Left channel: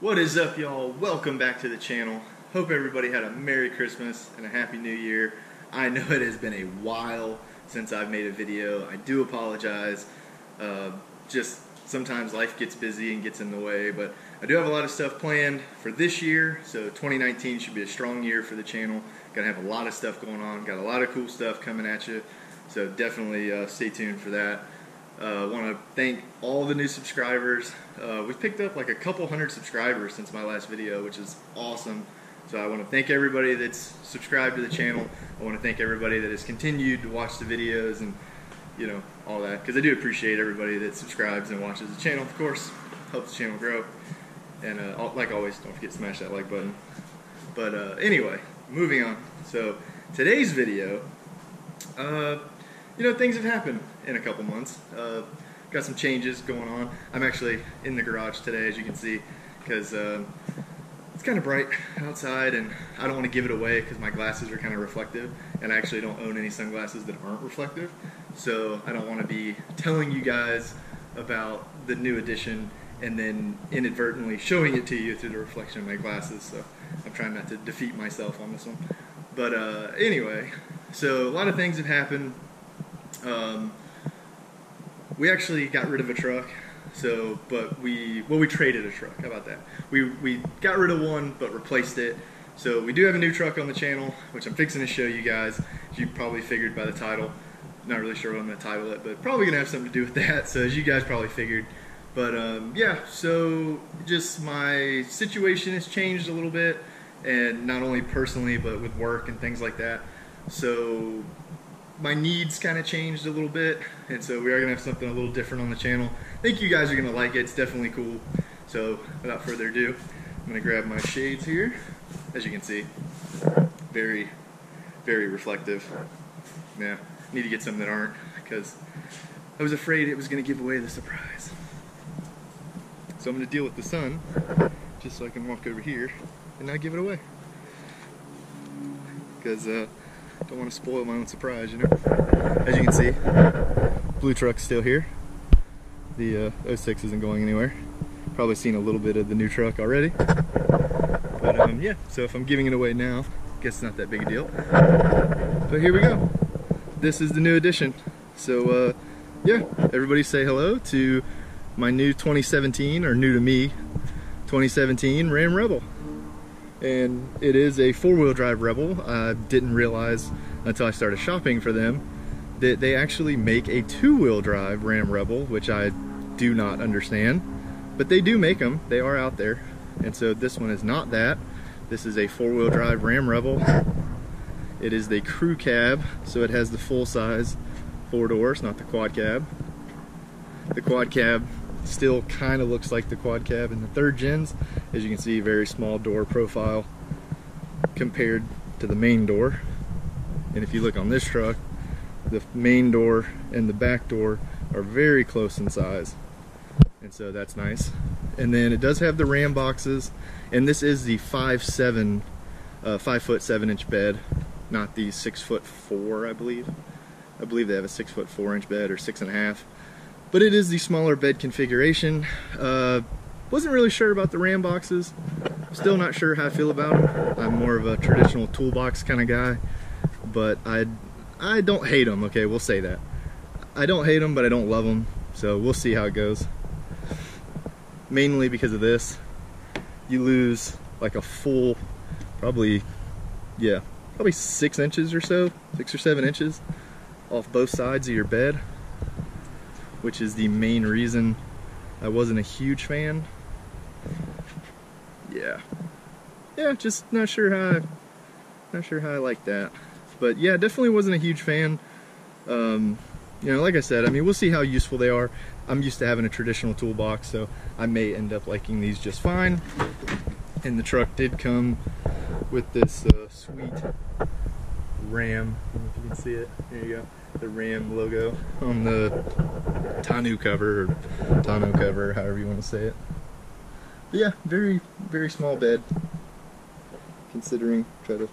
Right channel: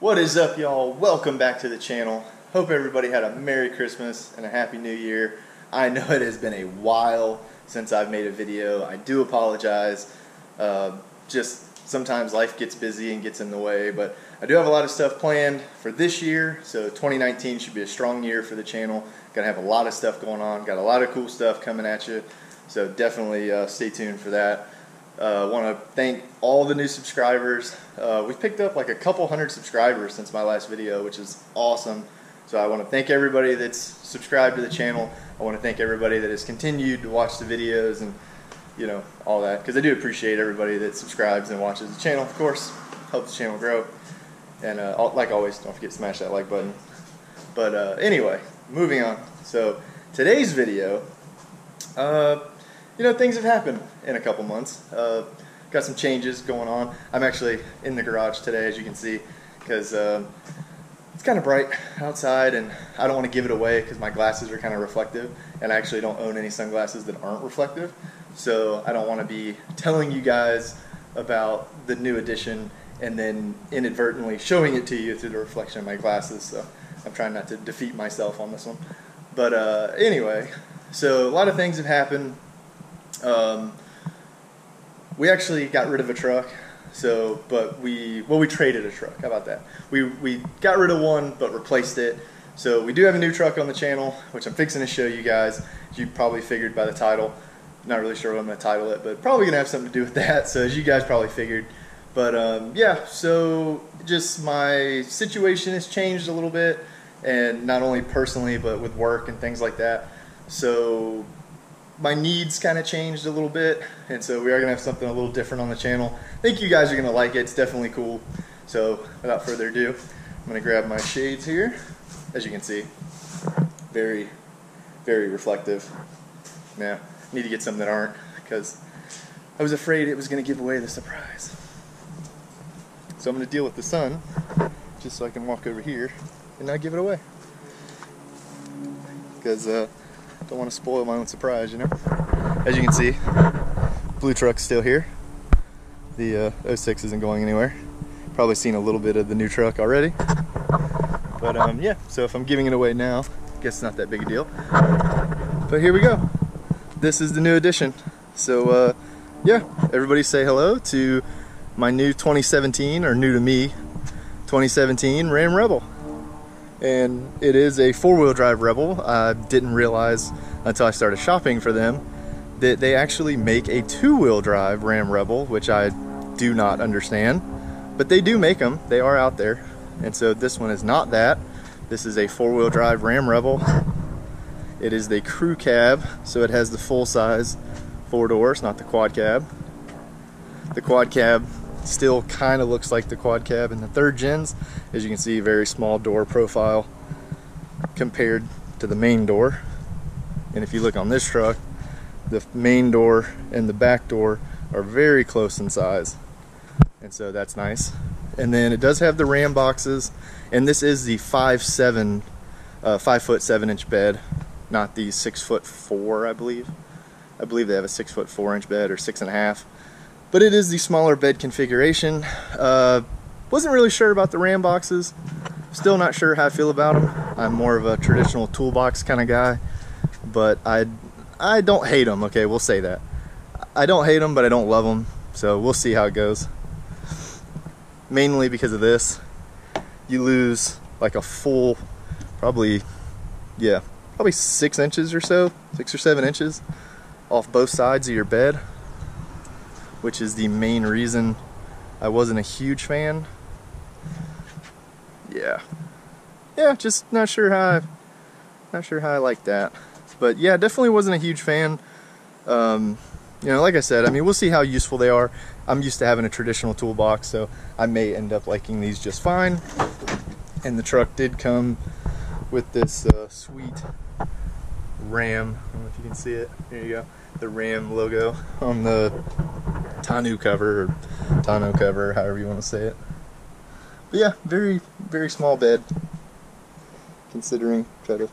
What is up, y'all? Welcome back to the channel. Hope everybody had a Merry Christmas and a Happy New Year. I know it has been a while since I've made a video. I do apologize. Just sometimes life gets busy and gets in the way, but I do have a lot of stuff planned for this year, so 2019 should be a strong year for the channel. Gonna have a lot of stuff going on, got a lot of cool stuff coming at you, so definitely stay tuned for that. I want to thank all the new subscribers. We've picked up like a couple hundred subscribers since my last video, which is awesome. So I want to thank everybody that's subscribed to the channel. I want to thank everybody that has continued to watch the videos and, you know, all that, because I do appreciate everybody that subscribes and watches the channel, of course. Helps the channel grow. And like always, don't forget to smash that like button. But anyway, moving on. So today's video, you know, things have happened in a couple months. Got some changes going on. I'm actually in the garage today, as you can see, because it's kind of bright outside, and I don't want to give it away because my glasses are kind of reflective, and I actually don't own any sunglasses that aren't reflective, so I don't want to be telling you guys about the new edition and then inadvertently showing it to you through the reflection of my glasses, so I'm trying not to defeat myself on this one. But anyway, so a lot of things have happened. We actually got rid of a truck, but we traded a truck. How about that? We got rid of one, but replaced it. So we do have a new truck on the channel, which I'm fixing to show you guys. As you probably figured by the title. Not really sure what I'm going to title it, but probably going to have something to do with that. So as you guys probably figured. But yeah, so just my situation has changed a little bit, and not only personally, but with work and things like that. So my needs kind of changed a little bit, and so we are going to have something a little different on the channel. I think you guys are going to like it. It's definitely cool. So without further ado, I'm going to grab my shades here. As you can see, very, very reflective. Now, I need to get some that aren't, because I was afraid it was going to give away the surprise. So I'm going to deal with the sun, just so I can walk over here and not give it away. Because don't want to spoil my own surprise, you know. As you can see, blue truck's still here. The 06 isn't going anywhere. Probably seen a little bit of the new truck already. But yeah, so if I'm giving it away now, I guess it's not that big a deal. But here we go. This is the new edition. So yeah, everybody say hello to my new 2017, or new to me, 2017 Ram Rebel. And it is a four-wheel drive Rebel. I didn't realize until I started shopping for them that they actually make a two-wheel drive Ram Rebel, which I do not understand. But they do make them. They are out there. And so this one is not that. This is a four-wheel drive Ram Rebel. It is the crew cab, so it has the full-size four doors, not the quad cab. The quad cab still kind of looks like the quad cab in the third gens. As you can see, very small door profile compared to the main door. And if you look on this truck, the main door and the back door are very close in size, and so that's nice. And then it does have the Ram boxes, and this is the 5'7" 5'7" bed, not the 6'4", I believe. I believe they have a 6'4" bed, or 6.5. But it is the smaller bed configuration. Wasn't really sure about the Ram boxes. Still not sure how I feel about them. I'm more of a traditional toolbox kind of guy. But I don't hate them, okay, we'll say that. I don't hate them, but I don't love them. So we'll see how it goes. Mainly because of this. You lose like a full, probably 6 inches or so, 6 or 7 inches off both sides of your bed, which is the main reason I wasn't a huge fan. Yeah, just not sure how I like that. But yeah, definitely wasn't a huge fan. You know, like I said, I mean, we'll see how useful they are. I'm used to having a traditional toolbox, so I may end up liking these just fine. And the truck did come with this sweet Ram. I don't know if you can see it. Here you go. The Ram logo on the tonneau cover, or tonneau cover, however you want to say it. But yeah, very, very small bed, considering. Try to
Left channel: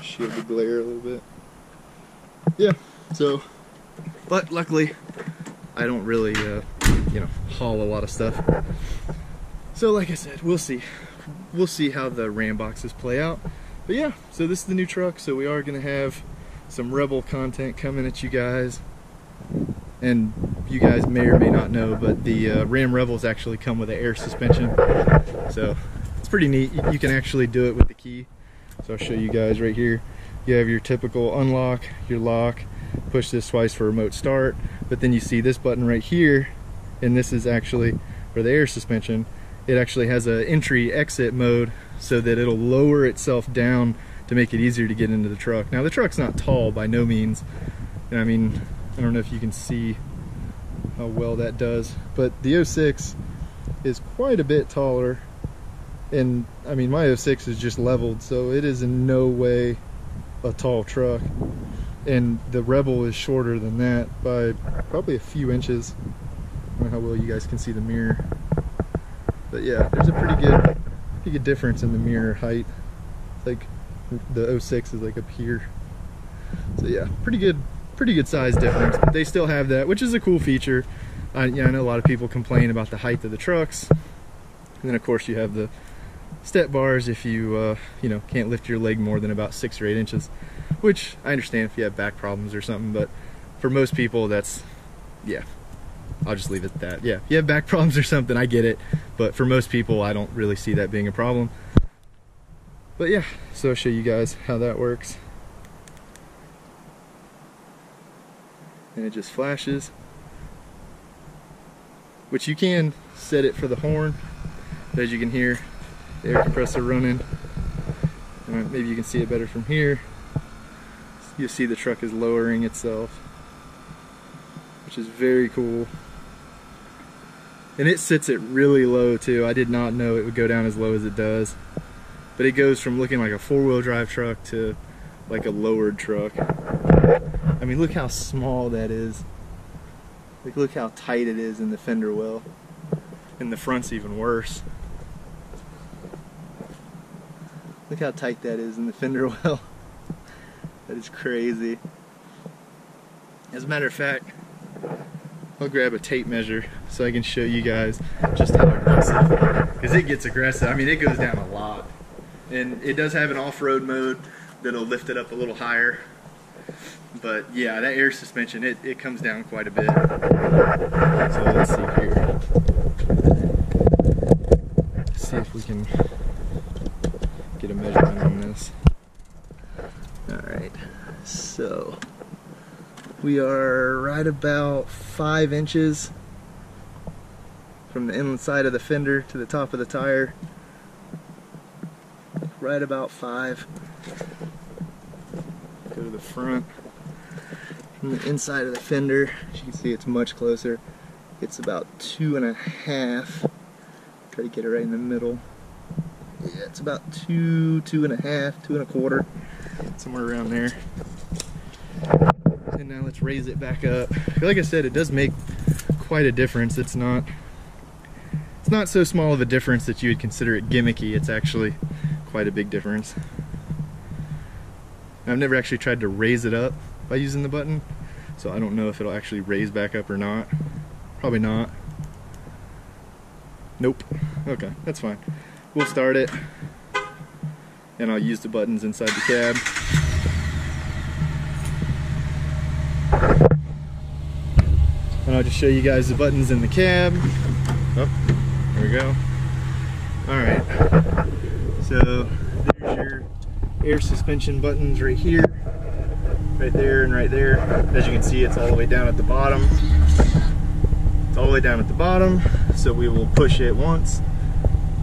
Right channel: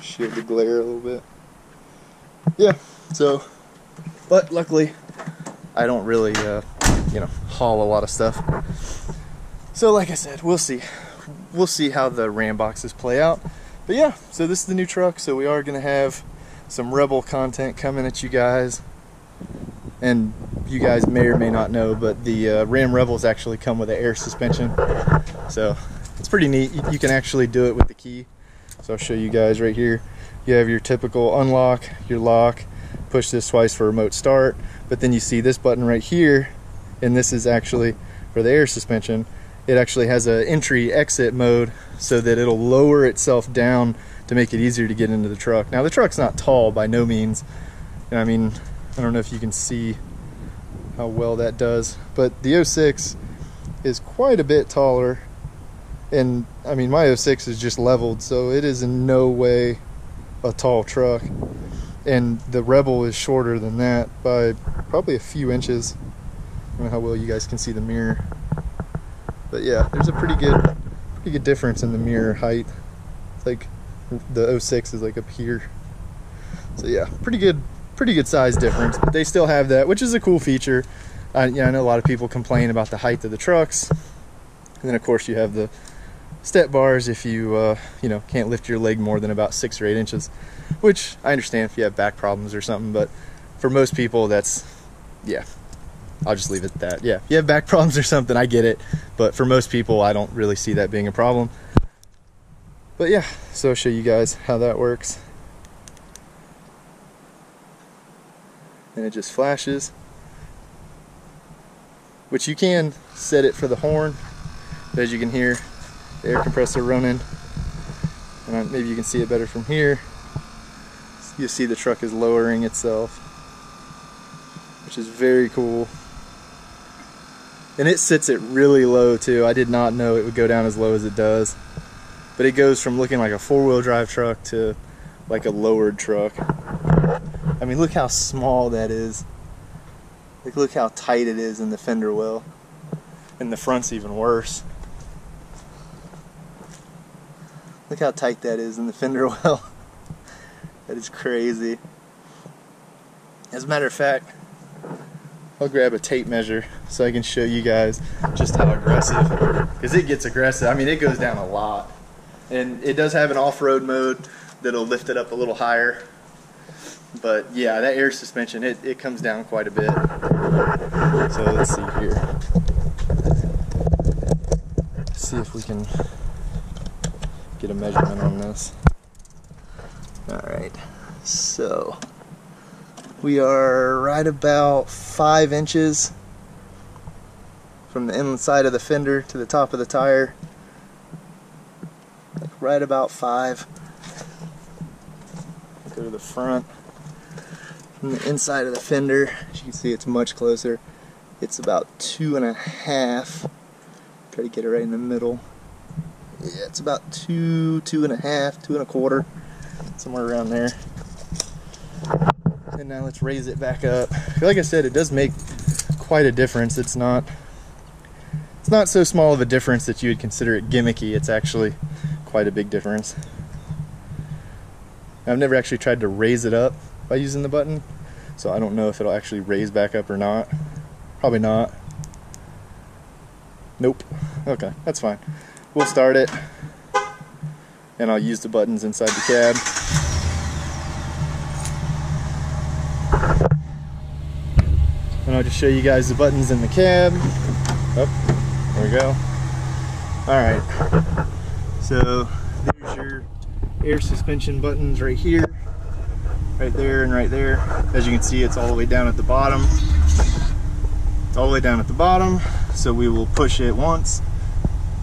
shield the glare a little bit. Yeah, so, but luckily I don't really you know, haul a lot of stuff. So like I said, we'll see how the Ram boxes play out. But yeah, so this is the new truck, so we are gonna have some Rebel content coming at you guys. And you guys may or may not know, but the Ram Rebels actually come with an air suspension, so it's pretty neat. You can actually do it with the key. So I'll show you guys right here. You have your typical unlock, your lock, push this twice for remote start, but then you see this button right here, and this is actually for the air suspension. It actually has an entry exit mode so that it'll lower itself down to make it easier to get into the truck. Now the truck's not tall by no means. I mean, I don't know if you can see how well that does, but the 06 is quite a bit taller. And I mean, my 06 is just leveled, so it is in no way a tall truck. And the Rebel is shorter than that by probably a few inches. I don't know how well you guys can see the mirror. But yeah, there's a pretty good difference in the mirror height. It's like the 06 is like up here. So yeah, pretty good size difference, but they still have that, which is a cool feature. Yeah, I know a lot of people complain about the height of the trucks. And then of course you have the step bars if you you know, can't lift your leg more than about 6 or 8 inches, which I understand if you have back problems or something, but for most people that's, yeah, I'll just leave it at that. Yeah, if you have back problems or something, I get it, but for most people I don't really see that being a problem. But yeah, so I'll show you guys how that works. And it just flashes, which you can set it for the horn, but as you can hear the air compressor running, and maybe you can see it better from here. You see the truck is lowering itself, which is very cool. And it sits it really low too. I did not know it would go down as low as it does, but it goes from looking like a 4-wheel drive truck to like a lowered truck. I mean, look how small that is. Like, look how tight it is in the fender well. And the front's even worse. Look how tight that is in the fender well. That is crazy. As a matter of fact, I'll grab a tape measure so I can show you guys just how aggressive. Because it gets aggressive. I mean, it goes down a lot. And it does have an off-road mode that'll lift it up a little higher. But yeah, that air suspension, it comes down quite a bit. So let's see here. Let's see if we can get a measurement on this. Alright, so we are right about 5 inches from the inside of the fender to the top of the tire. Right about 5. Go to the front. From the inside of the fender, as you can see, it's much closer. It's about 2.5. Try to get it right in the middle. Yeah, it's about 2.5, 2.25, somewhere around there. And now let's raise it back up. Like I said, it does make quite a difference. It's not so small of a difference that you would consider it gimmicky. It's actually quite a big difference. I've never actually tried to raise it up by using the button, so I don't know if it'll actually raise back up or not. Probably not. Nope. Okay, that's fine. We'll start it, and I'll use the buttons inside the cab. And I'll just show you guys the buttons in the cab. Oh, there we go. Alright, so there's your air suspension buttons right here, right there, and right there. As you can see, it's all the way down at the bottom. It's all the way down at the bottom, so we will push it once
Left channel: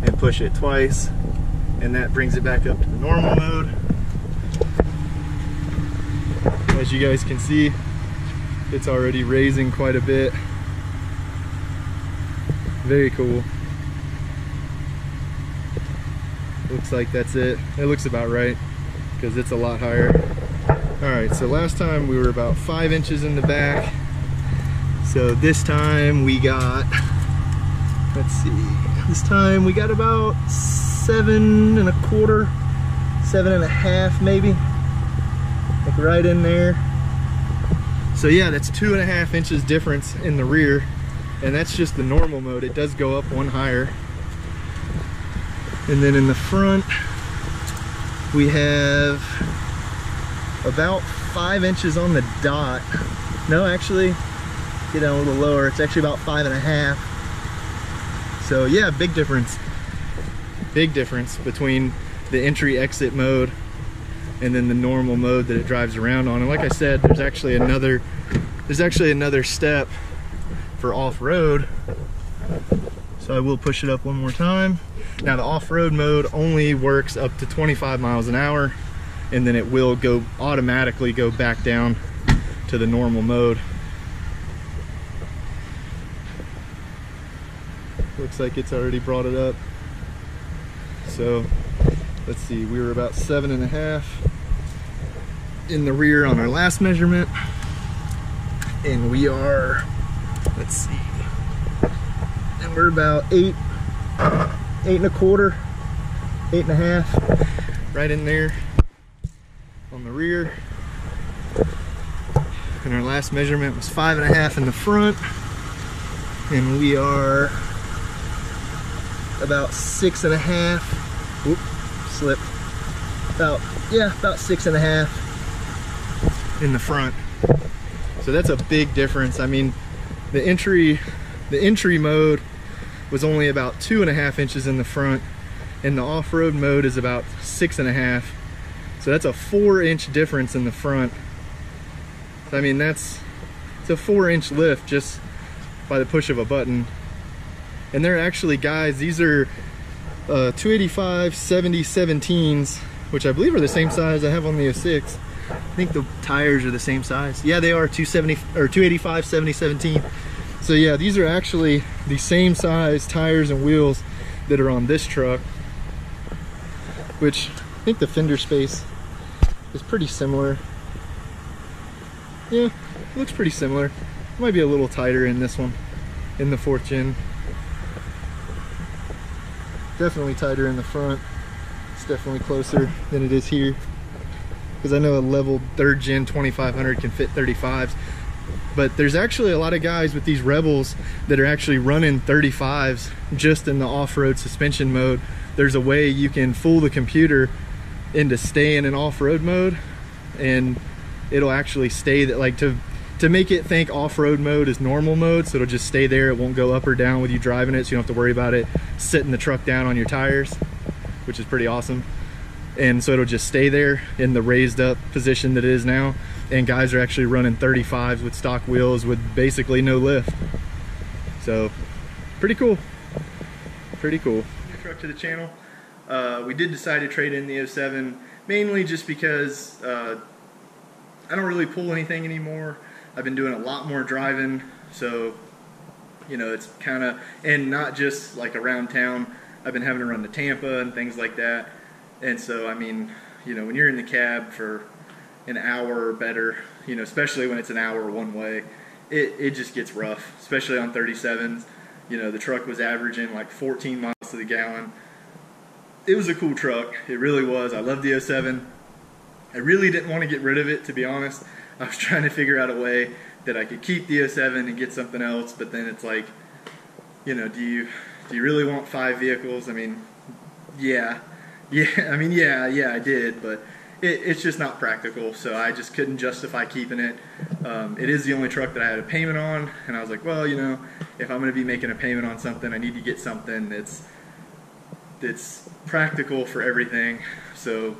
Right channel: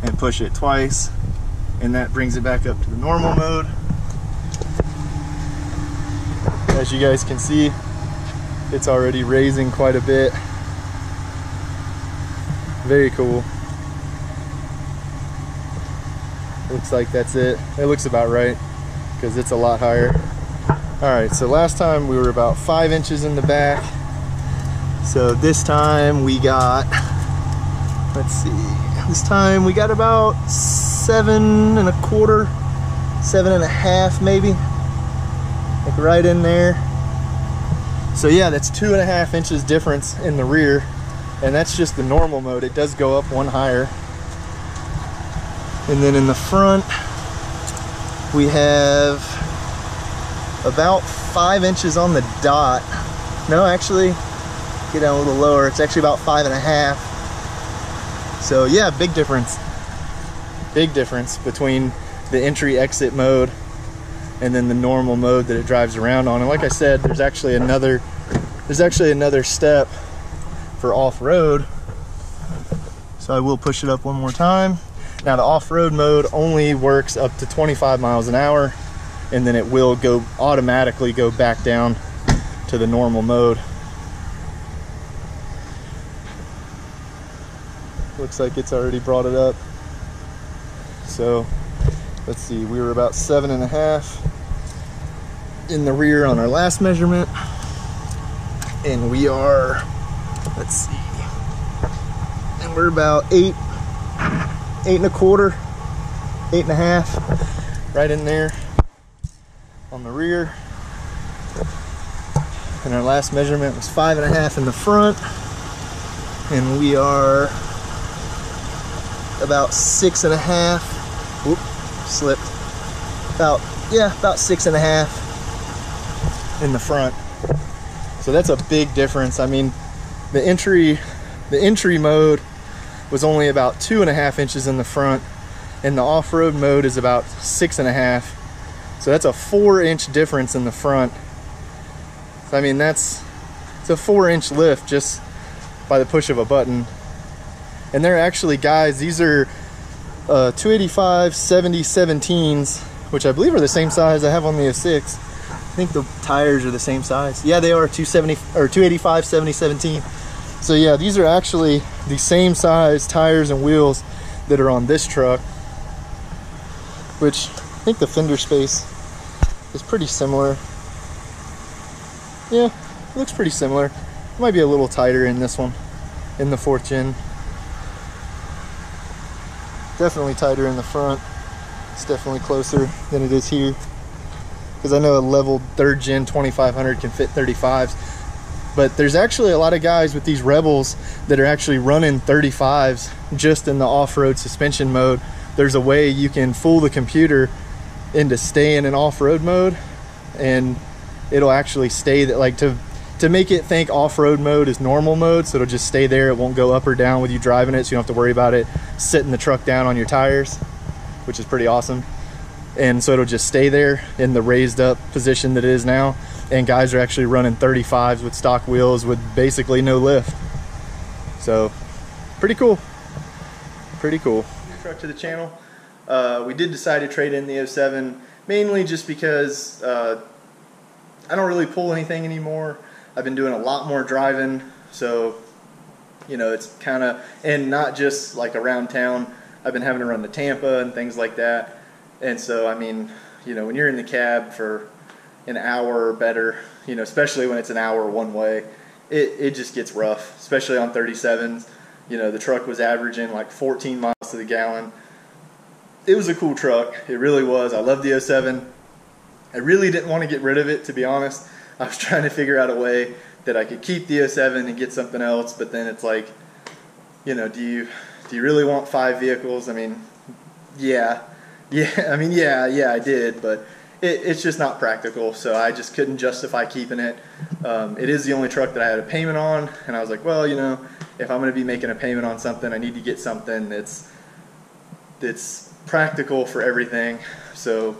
and push it twice, and that brings it back up to the normal mode. As you guys can see, it's already raising quite a bit. Very cool. Looks like that's it. It looks about right, because it's a lot higher. Alright, so last time we were about 5 inches in the back. So this time we got, let's see, this time we got about 7.25, 7.5 maybe. Like right in there. So yeah, that's 2.5 inches difference in the rear, and that's just the normal mode. It does go up one higher. And then in the front, we have about 5 inches on the dot. No, actually, get down a little lower. It's actually about 5.5. So yeah, big difference. Big difference between the entry-exit mode and then the normal mode that it drives around on. And like I said, there's actually another step for off-road. So I will push it up one more time. Now the off-road mode only works up to 25 miles an hour, and then it will automatically go back down to the normal mode. Looks like it's already brought it up. So let's see, we were about 7.5 in the rear on our last measurement, and we are, let's see, and we're about 8.25, 8.5, right in there on the rear. And our last measurement was 5.5 in the front, and we are about 6.5. Whoop, slipped. About 6.5 in the front. So that's a big difference. I mean, the entry mode was only about 2.5 inches in the front, and the off-road mode is about 6.5. So that's a 4-inch difference in the front. So I mean, it's a 4-inch lift just by the push of a button. And they're actually, guys, these are 285 7017s, which I believe are the same size I have on the 06. I think the tires are the same size. Yeah, they are 285 7017. So yeah, these are actually the same size tires and wheels that are on this truck, which I think the fender space is pretty similar. Yeah, it looks pretty similar. It might be a little tighter in this one, in the 4th gen. Definitely tighter in the front. It's definitely closer than it is here, because I know a level 3rd gen 2500 can fit 35s, but there's actually a lot of guys with these Rebels that are actually running 35s just in the off-road suspension mode. There's a way you can fool the computer into staying in off-road mode, and it'll actually stay that, like, to make it think off-road mode is normal mode, so it'll just stay there. It won't go up or down with you driving it, so you don't have to worry about it sitting the truck down on your tires, which is pretty awesome. And so it'll just stay there in the raised up position that it is now, and guys are actually running 35s with stock wheels with basically no lift. So pretty cool, pretty cool. New truck to the channel. We did decide to trade in the 07, mainly just because I don't really pull anything anymore. I've been doing a lot more driving, so you know, it's kind of, and not just like around town. I've been having to run to Tampa and things like that. And so, I mean, you know, when you're in the cab for an hour or better, you know, especially when it's an hour one way, it just gets rough, especially on 37s. You know, the truck was averaging like 14 miles to the gallon. It was a cool truck. It really was. I loved the 07. I really didn't want to get rid of it, to be honest. I was trying to figure out a way that I could keep the 07 and get something else, but then it's like, you know, do you really want 5 vehicles? I mean, yeah, I did, but it's just not practical, so I just couldn't justify keeping it. It is the only truck that I had a payment on, and I was like, well, you know, if I'm going to be making a payment on something, I need to get something that's practical for everything. So,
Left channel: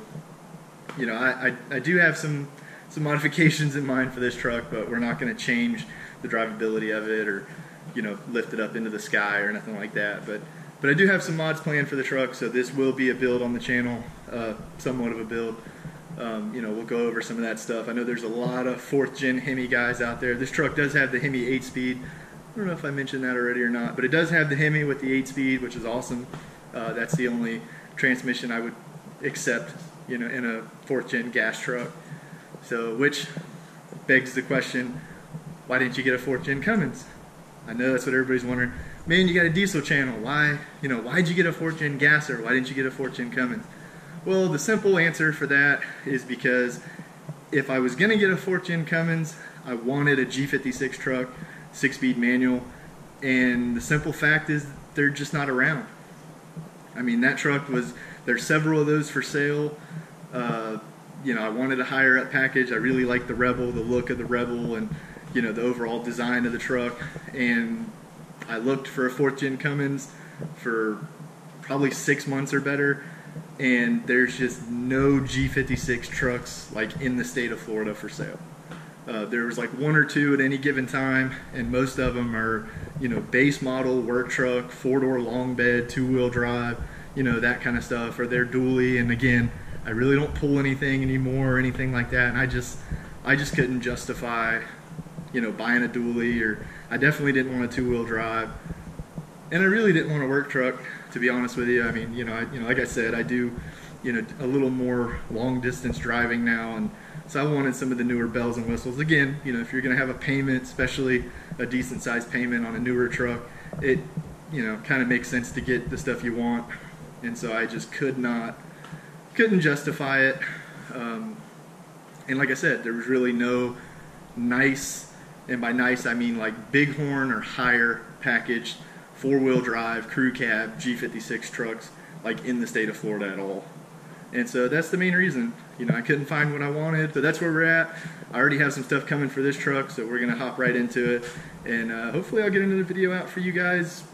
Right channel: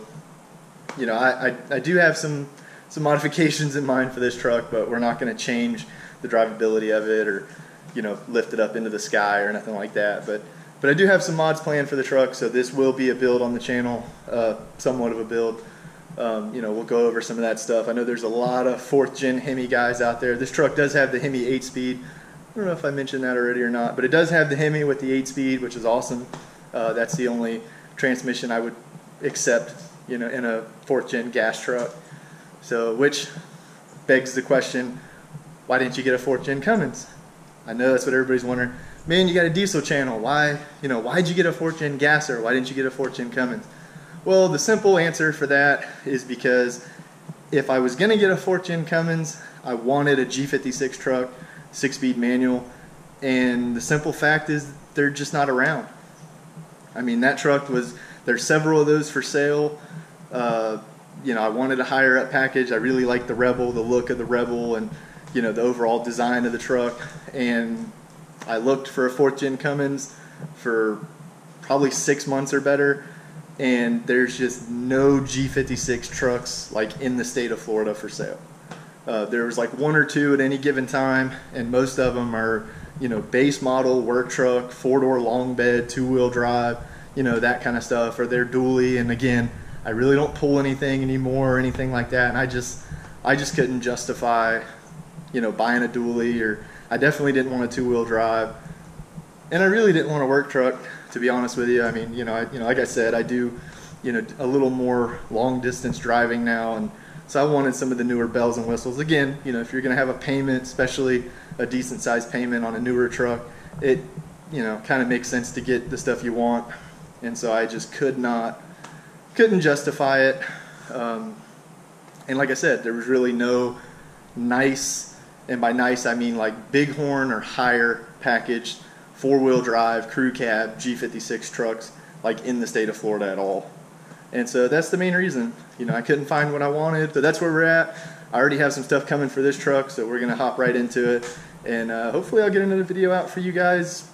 you know, I do have some modifications in mind for this truck, but we're not going to change the drivability of it or, you know, lift it up into the sky or nothing like that. But I do have some mods planned for the truck, so this will be a build on the channel, somewhat of a build. You know, we'll go over some of that stuff. I know there's a lot of 4th gen Hemi guys out there. This truck does have the Hemi 8-speed. I don't know if I mentioned that already or not, but it does have the Hemi with the 8-speed, which is awesome. That's the only transmission I would accept, you know, in a 4th gen gas truck. So, which begs the question, why didn't you get a 4th gen Cummins? I know that's what everybody's wondering. Man, you got a diesel channel. Why'd you get a 4th gen gasser? Why didn't you get a 4th gen Cummins? Well, the simple answer for that is because if I was going to get a 4th gen Cummins, I wanted a G56 truck, 6-speed manual, and the simple fact is they're just not around. I mean, that truck was, there's several of those for sale. You know, I wanted a higher up package. I really liked the Rebel, the look of the Rebel, and, you know, the overall design of the truck. And I looked for a 4th gen Cummins for probably 6 months or better, and there's just no G56 trucks like in the state of Florida for sale. There was like 1 or 2 at any given time, and most of them are, you know, base model work truck, 4-door long bed, 2-wheel drive, you know, that kind of stuff, or they're dually. And again, I really don't pull anything anymore or anything like that, and I just couldn't justify, you know, buying a dually, or I definitely didn't want a 2-wheel drive, and I really didn't want a work truck, to be honest with you. I mean, you know, like I said, I do, you know, a little more long distance driving now, and so I wanted some of the newer bells and whistles. Again, you know, if you're going to have a payment, especially a decent sized payment on a newer truck, it, you know, kind of makes sense to get the stuff you want, and so I just couldn't justify it. And like I said, there was really no nice, and by nice I mean like bighorn or higher packaged 4-wheel drive crew cab G56 trucks like in the state of Florida at all. And so that's the main reason. You know, I couldn't find what I wanted, but that's where we're at. I already have some stuff coming for this truck, so we're gonna hop right into it, and hopefully I'll get another video out for you guys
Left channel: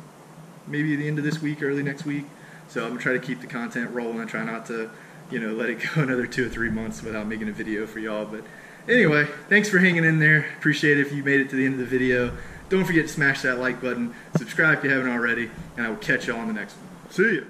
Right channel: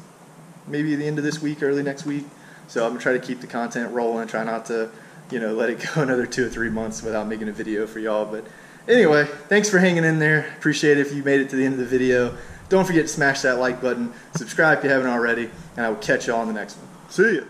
maybe at the end of this week, early next week. So I'm gonna try to keep the content rolling, try not to, you know, let it go another 2 or 3 months without making a video for y'all. But anyway, thanks for hanging in there. Appreciate it if you made it to the end of the video. Don't forget to smash that like button, subscribe if you haven't already, and I will catch y'all on the next one. See ya.